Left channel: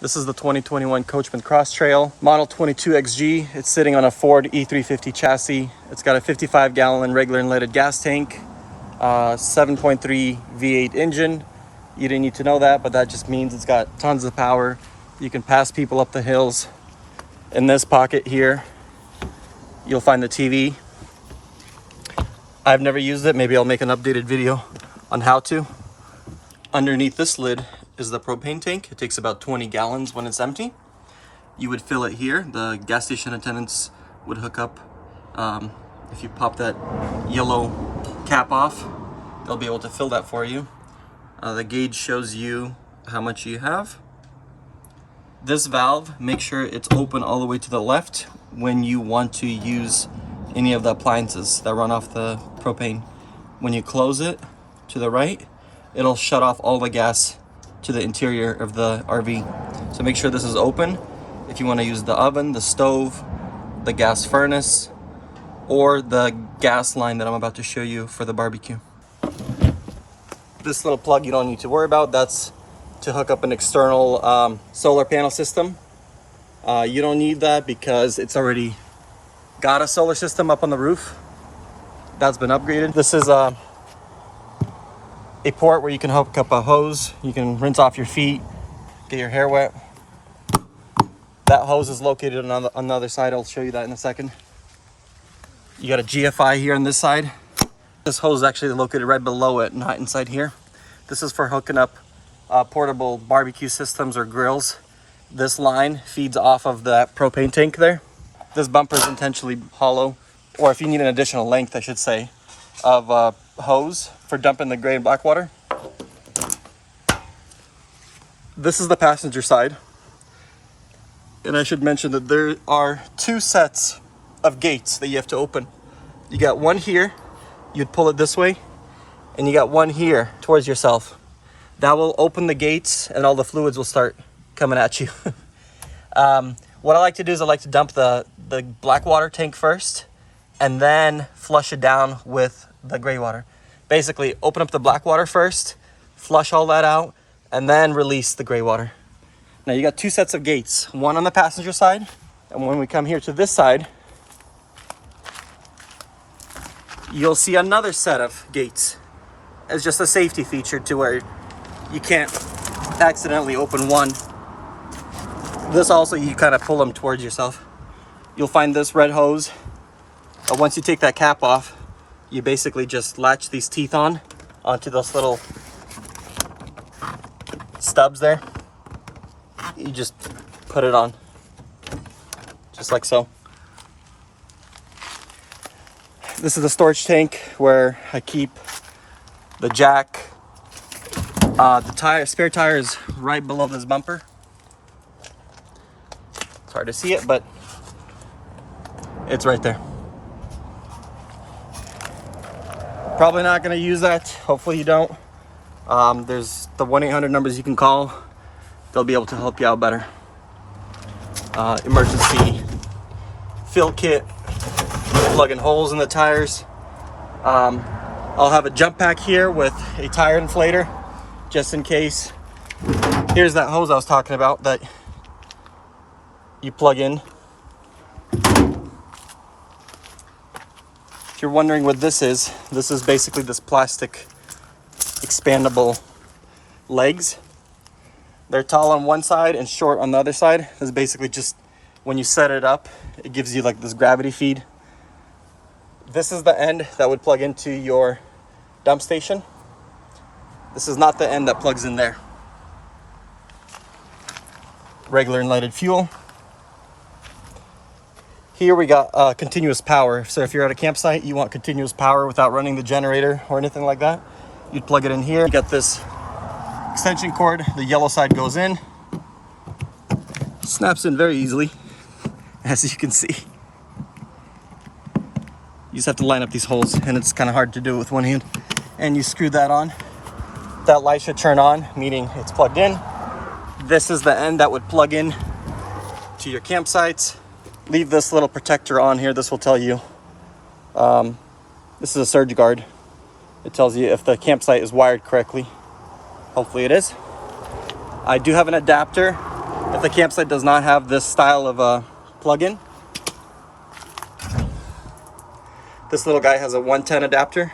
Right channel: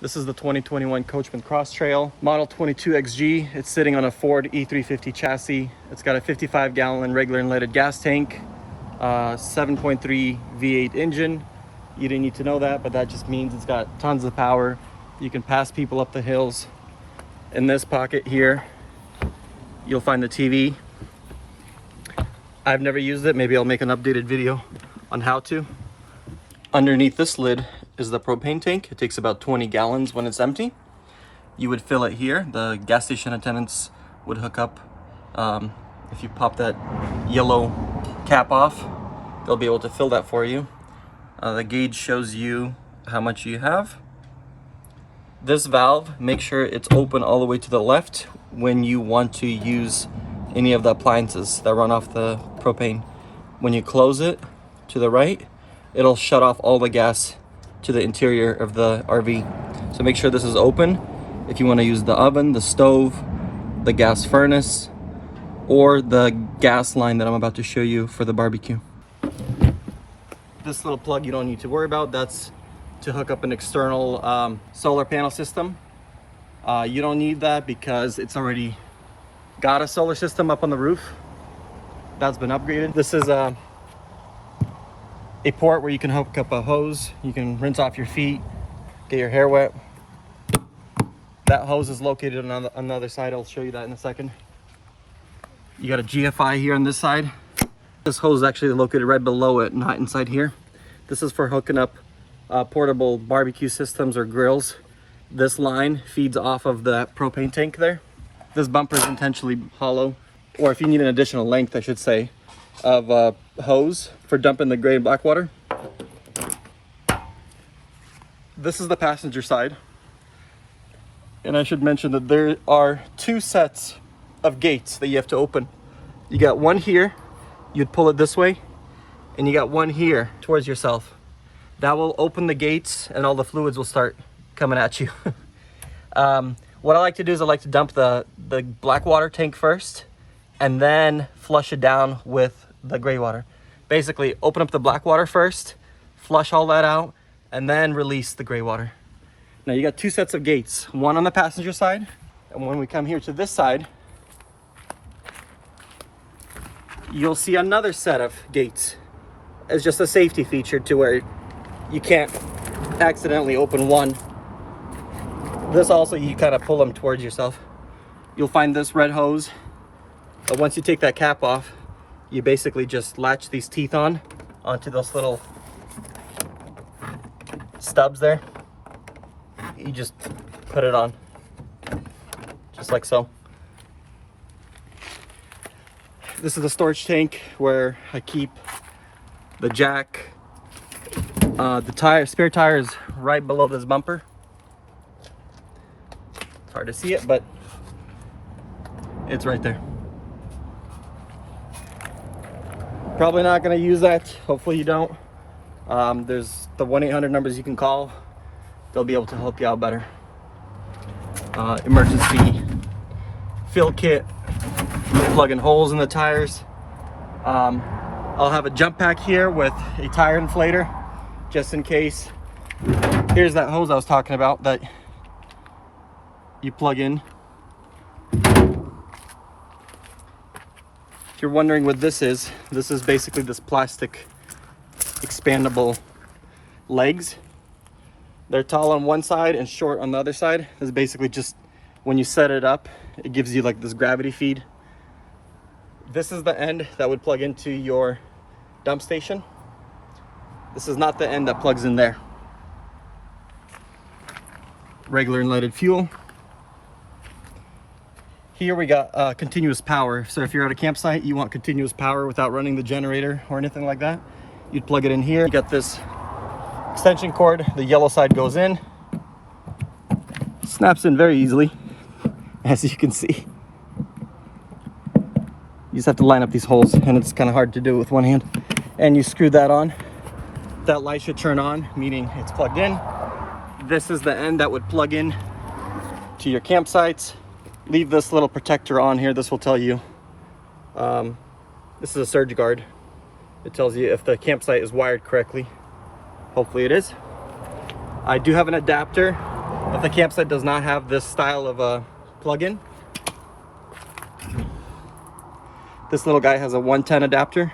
This is the 2021 Coachmen Crosstrail, model 22XG. It's sitting on a Ford E350 chassis. It's got a 55-gallon regular unleaded gas tank, 7.3 V8 engine. You didn't need to know that, but that just means it's got tons of power. You can pass people up the hills. In this pocket here, you'll find the TV. I've never used it. Maybe I'll make an updated video on how to. Underneath this lid is the propane tank. It takes about 20 gallons when it's empty. You would fill it here. The gas station attendants would hook up. If you pop that yellow cap off, they'll be able to fill that for you. The gauge shows you how much you have. This valve, make sure it's open all the way to the left when you want to use any of the appliances that run off the propane. When you close it to the right, it'll shut off all the gas to the interior of the RV. So make sure this is open if you want to use the oven, the stove, the gas furnace, or the gas line that I'm about to show you for the barbecue. This little plug you don't need to worry about. That's to hook up an external solar panel system. You don't need that because it's already got a solar system up on the roof. That's been upgraded. This is a port where you can hook up a hose. You can rinse off your feet, get your hair wet. That hose is located on the other side. I'll show you that in a second. You got a GFI here on this side. This hose is actually located right below it, not inside here. This is for hooking up portable barbecue systems or grills. This line feeds off of the propane tank there. This bumper is intentionally hollow, or if you need an additional length, I should say, of hose for dumping the gray and black water. This is the passenger side. And I should mention that there are two sets of gates that you have to open. You got one here, you'd pull it this way, and you got one here towards yourself. That will open the gates and all the fluids will start coming at you. What I like to do is I like to dump the black water tank first and then flush it down with the gray water. Basically, open up the black water first, flush all that out, and then release the gray water. Now you got two sets of gates, one on the passenger side, and when we come here to this side, you'll see another set of gates. It's just a safety feature to where you can't accidentally open one. This also, you kind of pull them towards yourself. You'll find this red hose. But once you take that cap off, you basically just latch these teeth onto those little stubs there. You just put it on, just like so. This is the storage tank where I keep the jack. The spare tire is right below this bumper. It's hard to see it, but it's right there. Probably not going to use that. Hopefully you don't. There's the 1-800 numbers you can call. They'll be able to help you out better. Emergency fill kit, plugging holes in the tires. I'll have a jump pack here with a tire inflator just in case. Here's that hose I was talking about that you plug in. If you're wondering what this is basically this plastic expandable legs. They're tall on one side and short on the other side. It's basically just when you set it up, it gives you like this gravity feed. This is the end that would plug into your dump station. This is not the end that plugs in there. Regular unleaded fuel. Here we got continuous power. So if you're at a campsite, you want continuous power without running the generator or anything like that, you'd plug it in here. You got this extension cord. The yellow side goes in. Snaps in very easily, as you can see. You just have to line up these holes, and it's kind of hard to do it with one hand. And you screw that on. That light should turn on, meaning it's plugged in. This is the end that would plug in to your campsites. Leave this little protector on here. This will tell you, this is a surge guard. It tells you if the campsite is wired correctly. Hopefully it is. I do have an adapter If the campsite does not have this style of a plug-in, this little guy has a 110 adapter.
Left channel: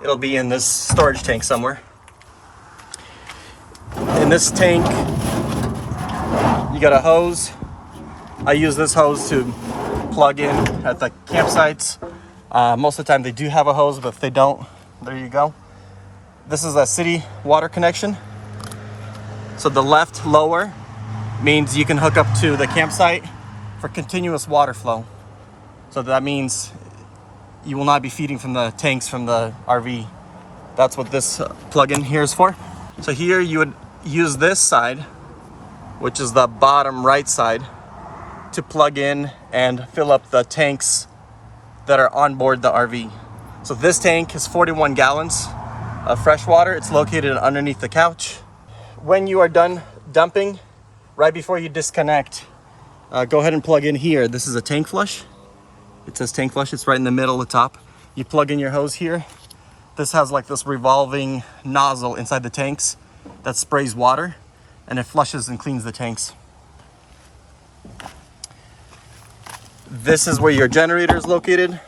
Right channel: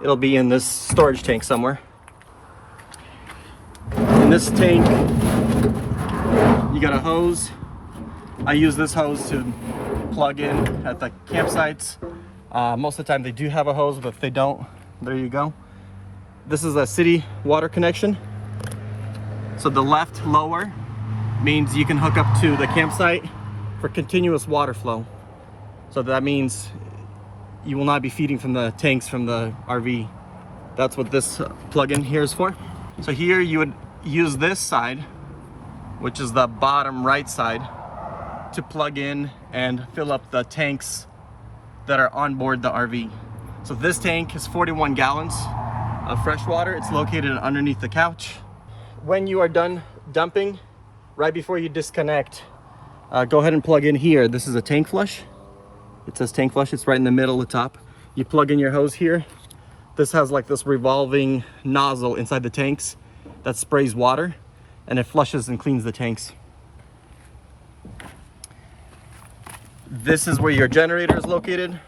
It'll be in this storage tank somewhere. In this tank, you got a hose. I use this hose to plug in at the campsites. Most of the time they do have a hose, but if they don't, there you go. This is a city water connection. So the left lower means you can hook up to the campsite for continuous water flow. So that means you will not be feeding from the tanks from the RV. That's what this plug-in here is for. So here you would use this side, which is the bottom right side, to plug in and fill up the tanks that are on board the RV. So this tank is 41 gallons of fresh water. It's located underneath the couch. When you are done dumping, right before you disconnect, go ahead and plug in here. This is a tank flush. It says tank flush. It's right in the middle, the top. You plug in your hose here. This has like this revolving nozzle inside the tanks that sprays water, and it flushes and cleans the tanks. This is where your generator is located.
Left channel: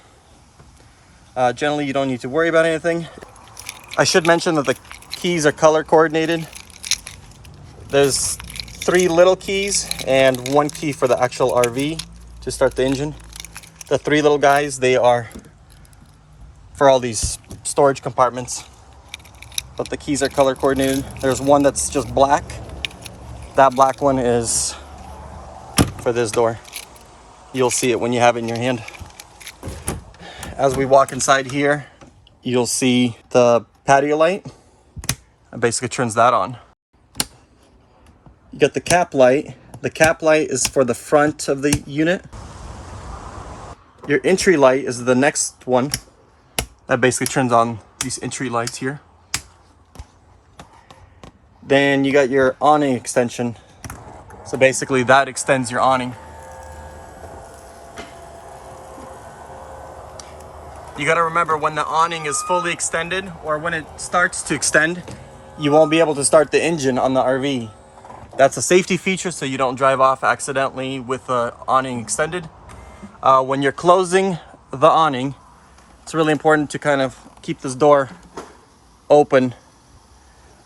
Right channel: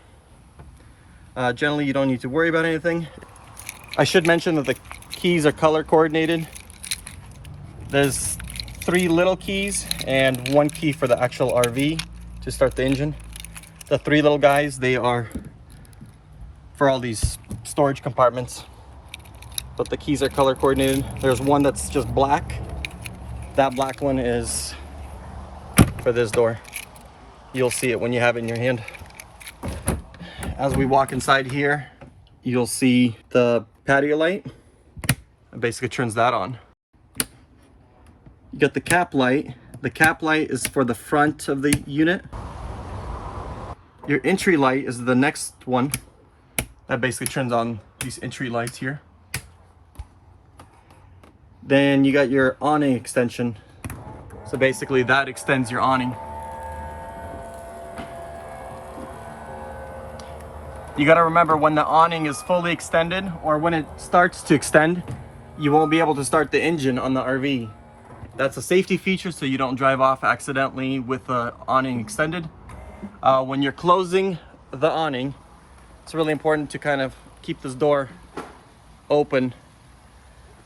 Generally, you don't need to worry about anything. I should mention that the keys are color coordinated. There's 3 little keys and 1 key for the actual RV to start the engine. The 3 little guys, they are for all these storage compartments, but the keys are color coordinated. There's one that's just black. That black one is for this door. You'll see it when you have it in your hand. As we walk inside here, you'll see the patio light. It basically turns that on. You got the cap light. The cap light is for the front of the unit. Your entry light is the next one. That basically turns on these entry lights here. Then you got your awning extension. So basically that extends your awning. You got to remember, when the awning is fully extended, or when it starts to extend, you won't be able to start the engine on the RV. That's a safety feature, so you don't drive off accidentally with the awning extended. When you're closing the awning, it's really important to kind of keep this door open,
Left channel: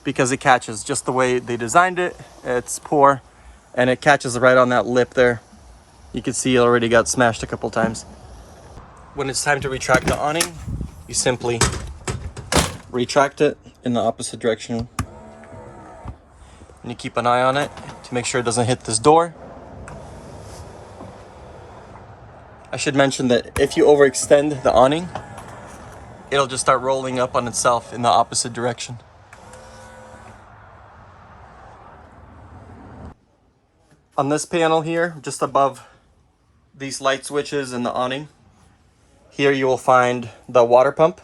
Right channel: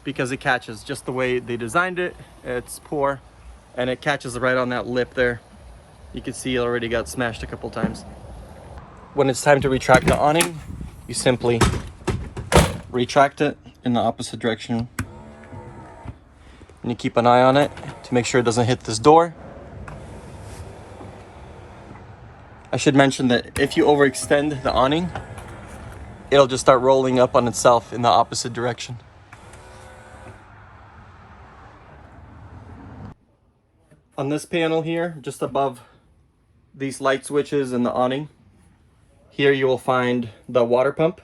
because it catches just the way they designed it. It's poor, and it catches right on that lip there. You can see it already got smashed a couple times. When it's time to retract the awning, you simply retract it in the opposite direction. And you keep an eye on it to make sure it doesn't hit this door. I should mention that if you overextend the awning, it'll just start rolling up on itself in the opposite direction. On this panel here, just above these light switches and the awning, here you will find the water pump.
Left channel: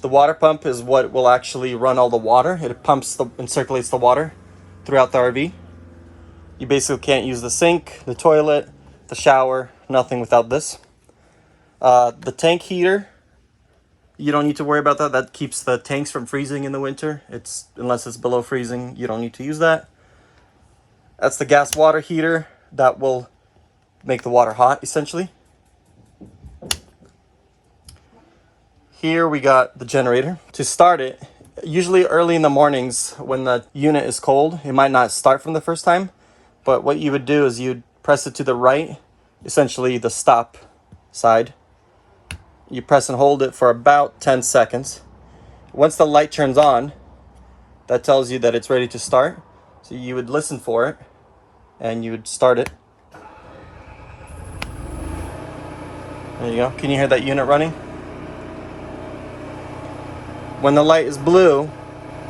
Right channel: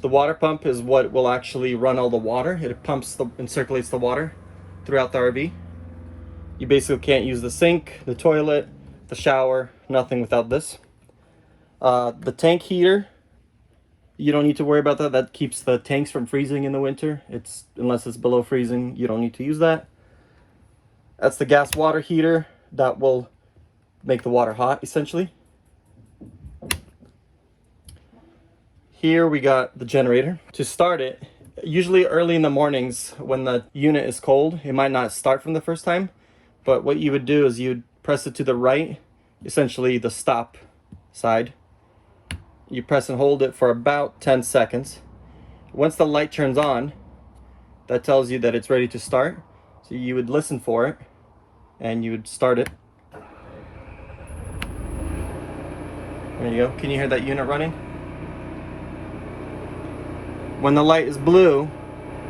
The water pump is what will actually run all the water. It pumps and circulates the water throughout the RV. You basically can't use the sink, the toilet, the shower, nothing without this. The tank heater, you don't need to worry about that. That keeps the tanks from freezing in the winter. Unless it's below freezing, you don't need to use that. That's the gas water heater that will make the water hot, essentially. Here we got the generator. To start it, usually early in the mornings when the unit is cold, it might not start from the first time, but what you would do is you'd press it to the right, essentially the stop side. You press and hold it for about 10 seconds. Once the light turns on, that tells you that it's ready to start. So you would listen for it and you would start it. There you go. Can you hear that unit running? When the light is blue,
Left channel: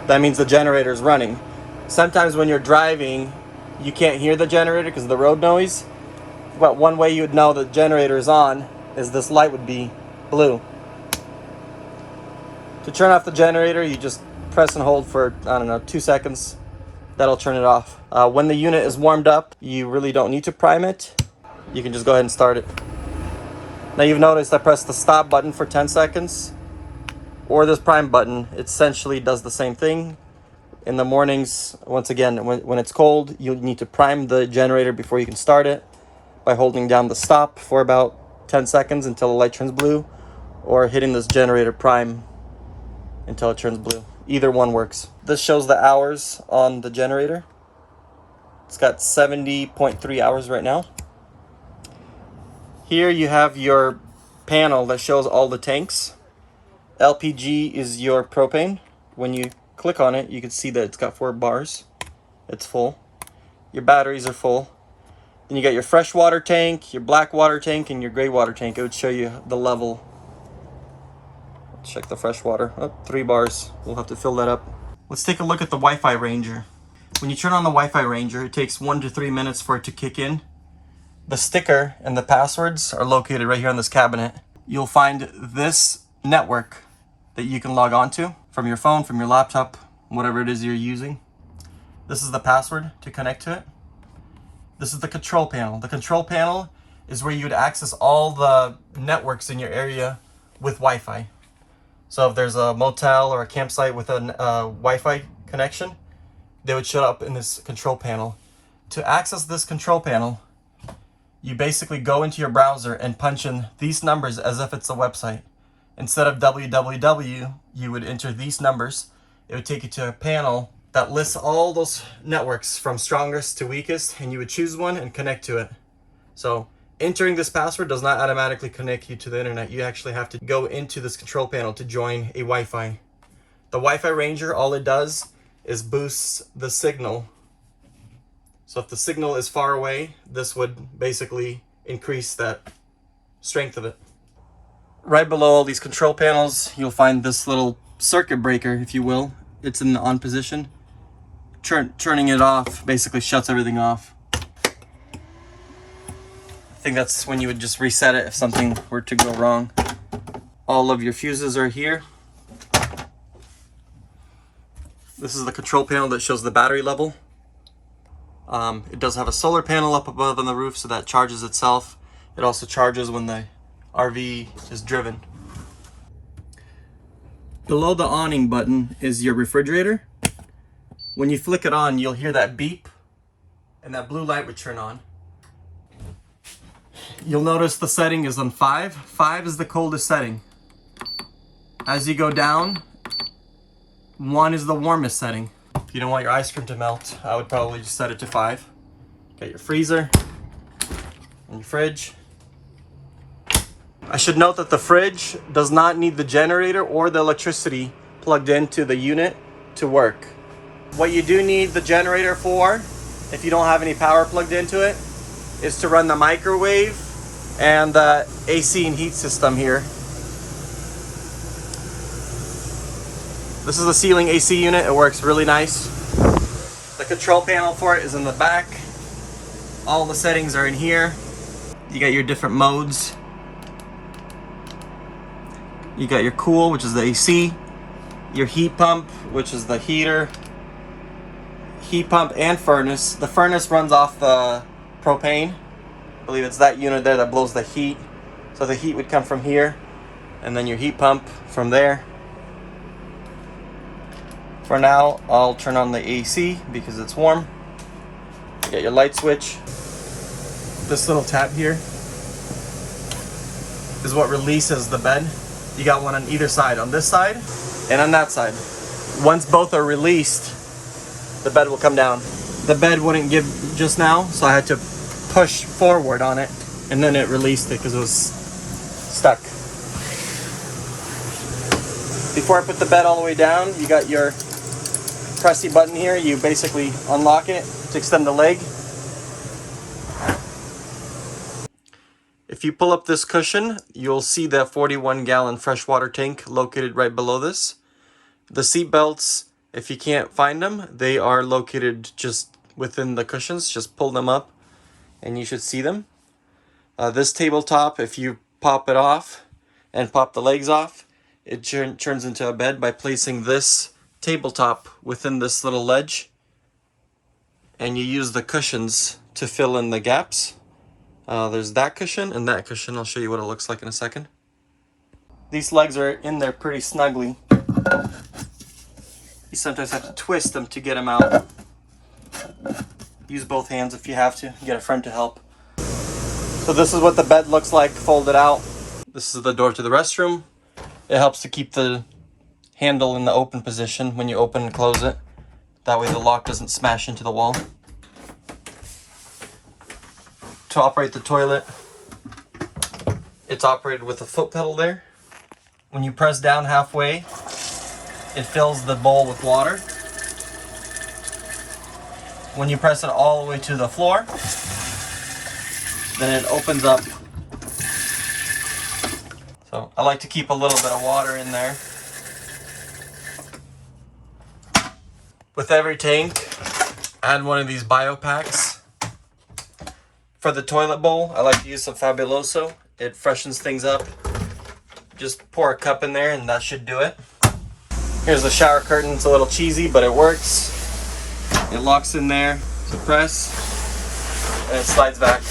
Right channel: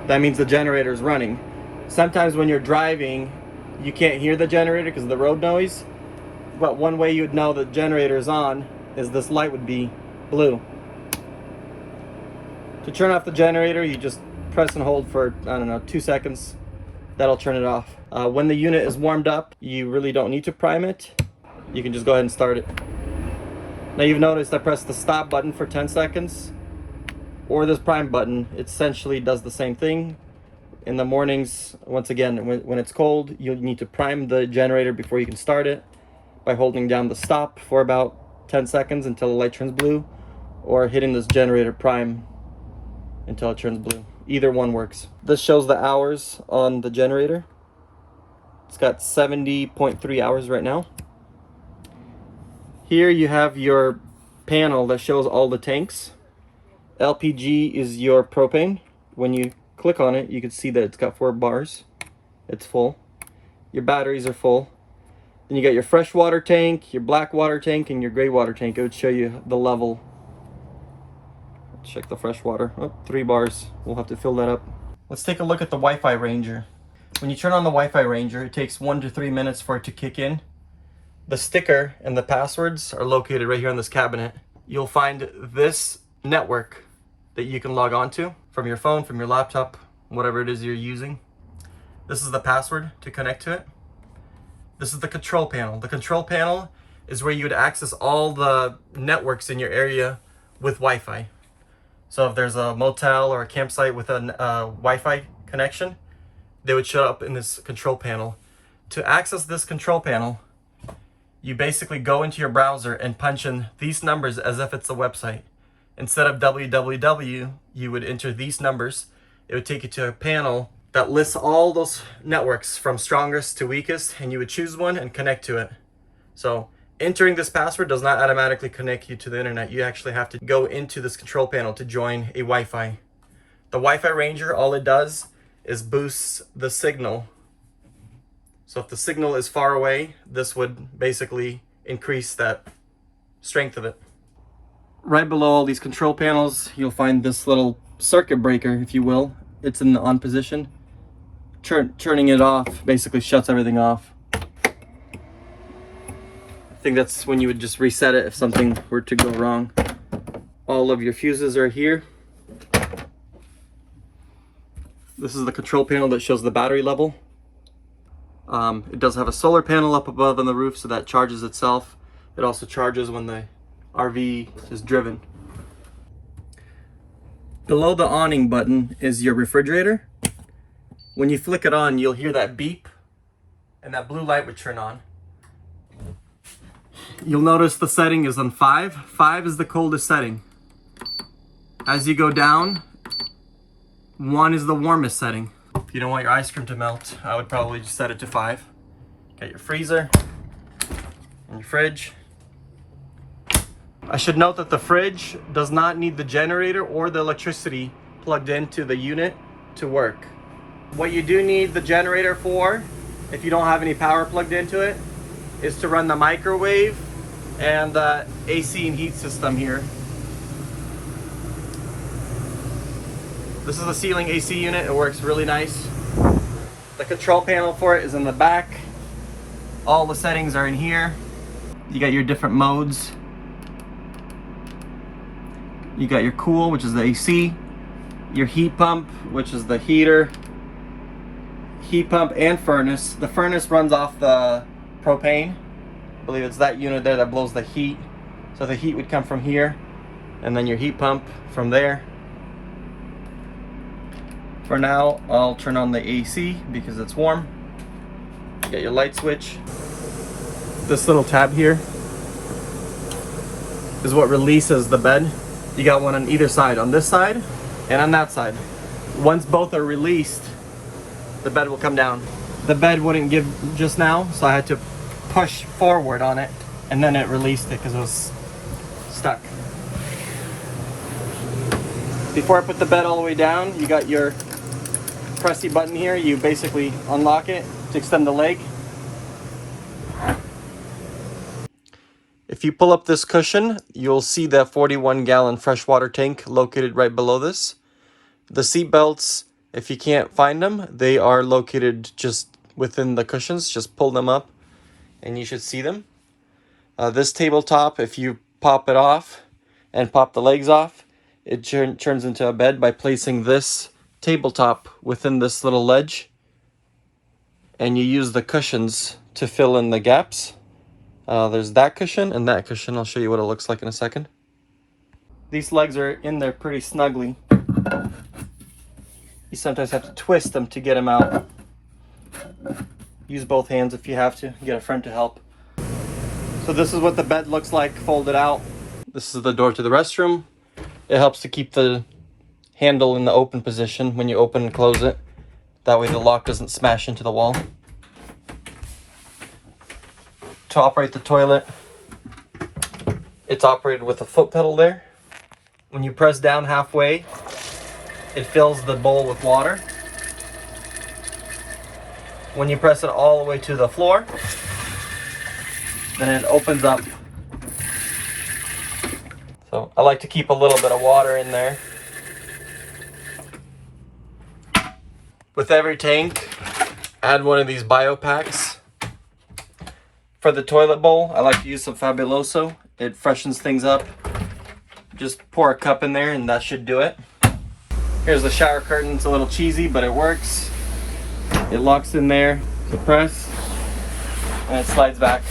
that means the generator is running. Sometimes when you're driving, you can't hear the generator because of the road noise. But one way you would know the generator is on is this light would be blue. To turn off the generator, you just press and hold for, 2 seconds. That'll turn it off. When the unit is warmed up, you really don't need to prime it. You can just go ahead and start it. Now you've noticed I pressed the stop button for 10 seconds. Or this prime button, it essentially does the same thing. In the mornings, once again, when it's cold, you need to prime the generator before you can start it by holding down the stop for about 10 seconds until the light turns blue, or hitting this generator prime until it turns blue. Either one works. This shows the hours on the generator. It's got 70.3 hours right now. Here you have your panel that shows all the tanks. LPG is your propane. When you click on it, you can see that it's got 4 bars. It's full. Your batteries are full. Then you got your freshwater tank, your black water tank, and your gray water tank. It would show you the level. Let's check the freshwater. Oh, 3 bars. We'll have to fill that up. Let's take a look at the Wi-Fi Ranger. When you turn on the Wi-Fi Ranger, it takes 1 to 3 minutes for it to kick in. The sticker and the passwords are located right here on this cabinet. You'll find this network that you can log on to from your phone, from your laptop, whatever it is you're using. This is the password to connect to it. This is the control panel. The control panel is where you would access all the networks in your area with Wi-Fi. So if there's a motel or a campsite with a Wi-Fi connection, they would show up in this control panel. To access this control panel, you basically go into your browser and punch in these numbers as if it's a website. Instead of www, you would enter these numbers. It would take you to a panel that lists all those networks from strongest to weakest, and you would choose one and connect to it. So entering this password does not automatically connect you to the internet. You actually have to go into this control panel to join a Wi-Fi. The Wi-Fi Ranger, all it does is boosts the signal. So if the signal is far away, this would basically increase that strength of it. Right below all these control panels, you'll find this little circuit breaker, if you will. It's in the on position. Turning it off basically shuts everything off. I think that's when you would just reset it if something were to go wrong. All of your fuses are here. This is the control panel that shows the battery level. It does have a solar panel up above on the roof, so that charges itself. It also charges when the RV is driven. Below the awning button is your refrigerator. When you flick it on, you'll hear that beep, and that blue light would turn on. You'll notice the setting is on 5. 5 is the coldest setting. As you go down, 1 is the warmest setting. If you don't want your ice cream to melt, I would probably just set it to 5. Got your freezer and your fridge. I should note that the fridge does not need the generator or the electricity plugged into the unit to work. What you do need the generator for, if you don't have any power plugged into it, is to run the microwave and the AC and heat system here. This is the ceiling AC unit. It works really nice. The control panel for it is in the back. All the settings are in here. You got your different modes. You got your cool, which is the AC. Your heat pump, which is the heater. Heat pump and furnace. The furnace runs off the propane. I believe it's that unit there that blows the heat. So the heat would come from here, and then your heat pump from there. For now, I'll turn on the AC because it's warm. You got your light switch. This little tab here is what releases the bed. You got one on either side, on this side and on that side. Once both are released, the bed will come down. The bed wouldn't give just now, so I had to push forward on it, and then it released it because it was stuck. Before I put the bed all the way down, you got your pressy button here. You basically unlock it to extend the leg. If you pull up this cushion, you'll see that 41-gallon freshwater tank located right below this. The seat belts, if you can't find them, they are located just within the cushions. Just pull them up and you should see them. This tabletop, if you pop it off and pop the legs off, it turns into a bed by placing this tabletop within this little ledge, and you use the cushions to fill in the gaps. There's that cushion and that cushion. I'll show you what it looks like in a second. These legs are in there pretty snugly. You sometimes have to twist them to get them out. Use both hands if you have to. Get a friend to help. So this is what the bed looks like folded out. This is the door to the restroom. It helps to keep the handle in the open position when you open and close it. That way the lock doesn't smash into the wall. To operate the toilet, it's operated with a foot pedal there. When you press down halfway, it fills the bowl with water. When you press it all the way to the floor, then it opens up. So I like to keep a little bit of water in there. With every tank, add one of these bio packs. For the toilet bowl, I like to use some Fabuloso. It freshens things up. Just pour a cup in there and that should do it. Here's the shower curtain. It's a little cheesy, but it works. It locks in there to press and it slides back.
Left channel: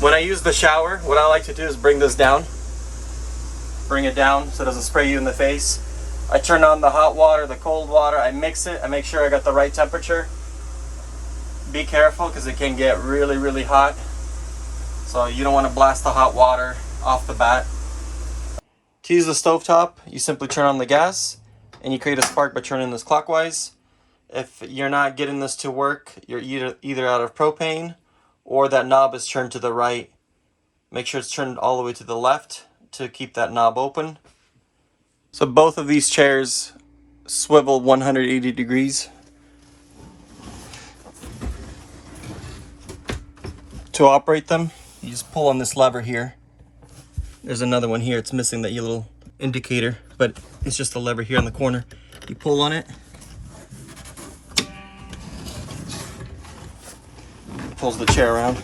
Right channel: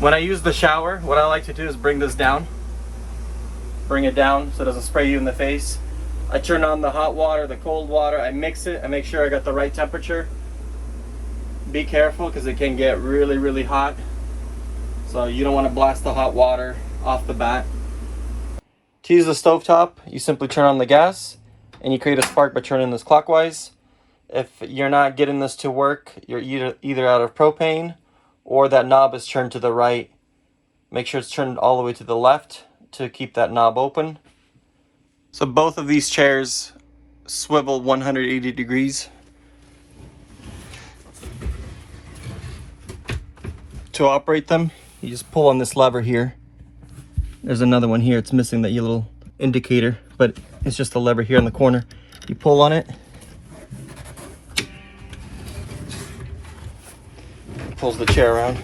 When I use the shower, what I like to do is bring this down. Bring it down so it doesn't spray you in the face. I turn on the hot water, the cold water, I mix it, I make sure I got the right temperature. Be careful because it can get really, really hot. So you don't want to blast the hot water off the bat. To use the stovetop, you simply turn on the gas and you create a spark by turning this clockwise. If you're not getting this to work, you're either out of propane or that knob is turned to the right. Make sure it's turned all the way to the left to keep that knob open. So both of these chairs swivel 180 degrees. To operate them, you just pull on this lever here. There's another one here, it's missing that little indicator, but it's just a lever here in the corner. You pull on it. It pulls the chair around.